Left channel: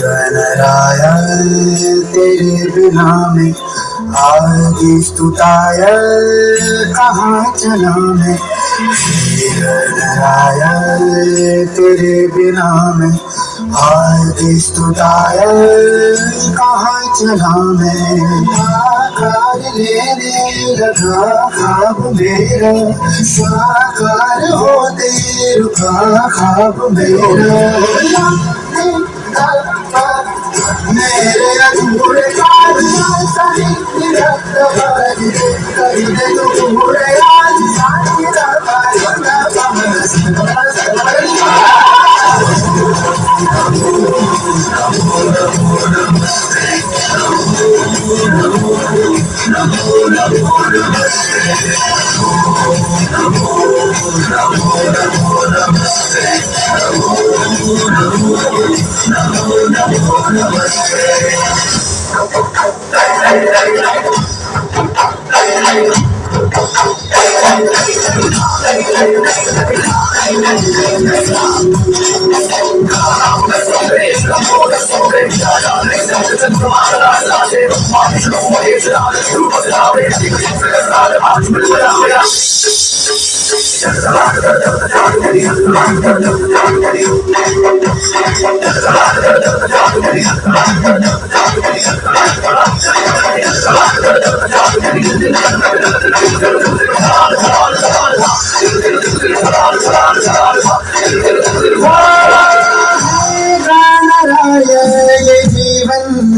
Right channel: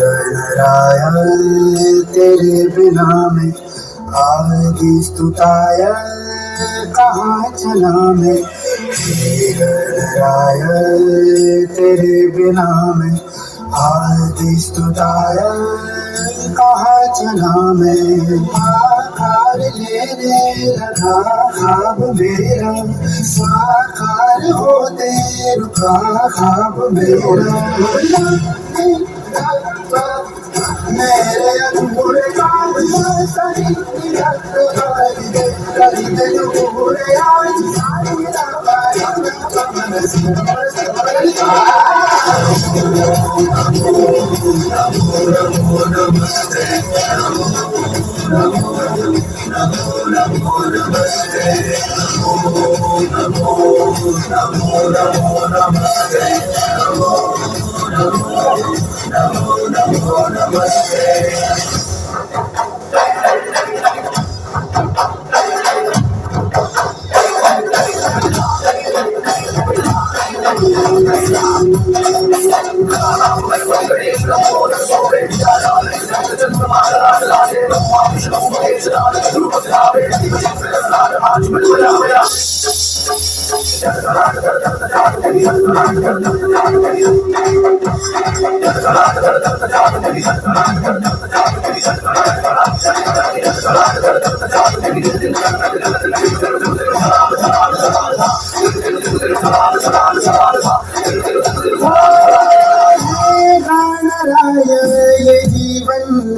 गणराय तेरे बिना में आगे स्तुताय कहाँ चला मैं। गणराय तेरे बिना में आगे स्तुताय कहाँ चला मैं। आकार लेने लगा ख्वाब मेरा, साकार होते रुका ख्वाब मेरा। मेरे अधूरे ख्वाब सही कर दे तू पूरे आज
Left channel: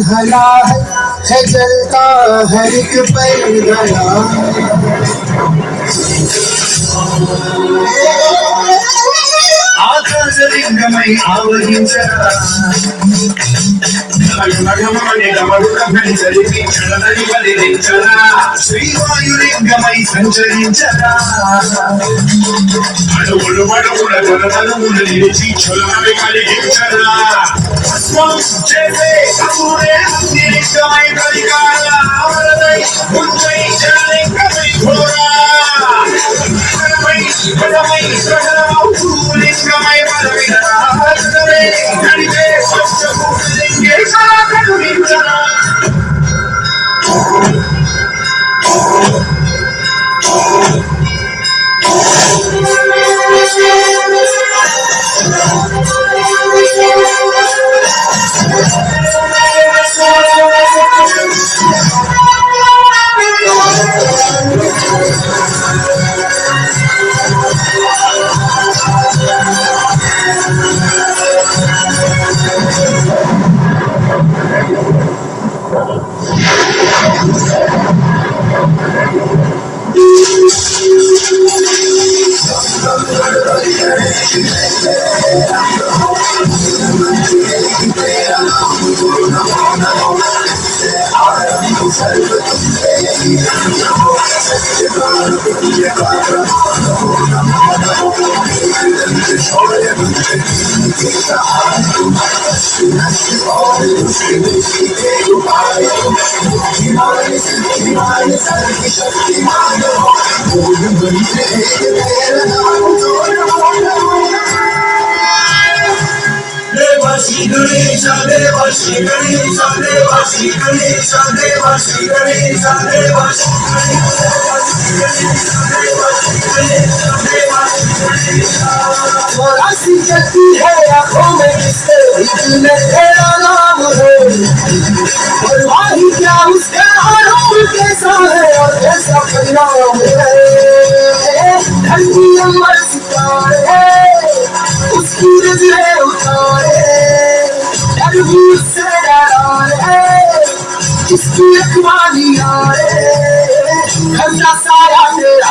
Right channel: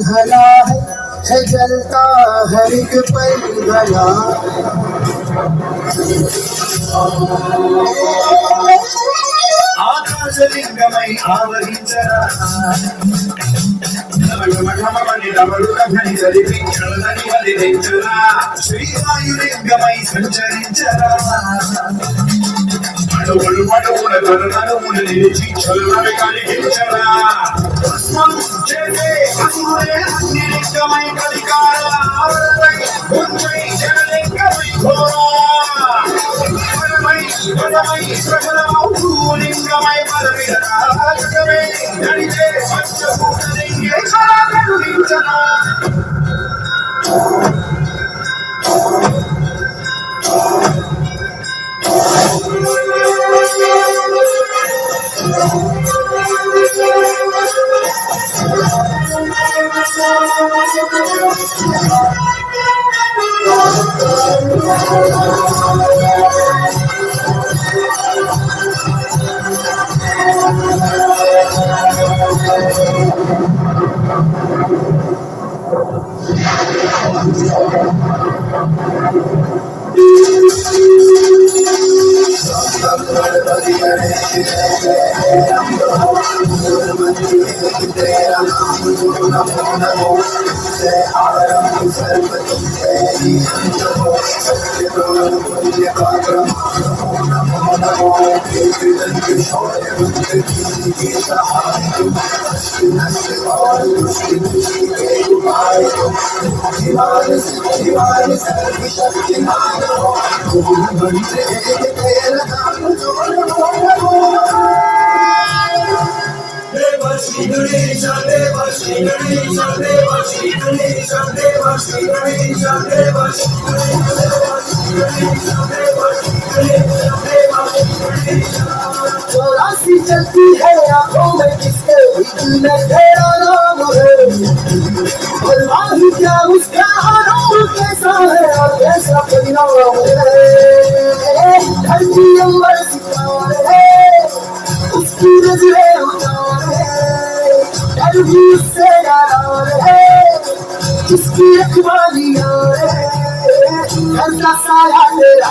भला है जलता हर एक पल भला। आकाशलिंगमై ఆవహించరా నమగమమని గమరుకమని జరిపి చలనని బలిరించరా శ్రీవాయులింగమై సంచరించరా అడుగులు పడుగుల తొలమలుముల నిలిచి చలనని కలిగించరా భస్మం చేసే అసురే నిలింగమై కలికాల ఆవరదై ఉంచై జనలింగమై ఘోరా పదమై సకలమౌ లింగమై బలవిరా హస్తమే నడిపే పంచభూతలింగేశ్వర కరుణించరా चलती है आंखों में किसके दिल में तेरा नाम है। वल्लाही क्या उसका आरोप कैसा है और कैसा परिणाम है। धरती अम्बर सितारे उसकी नजरें उतारे डर भी उससे डरा है जिसकी रखवाली आए खजा साया तेरा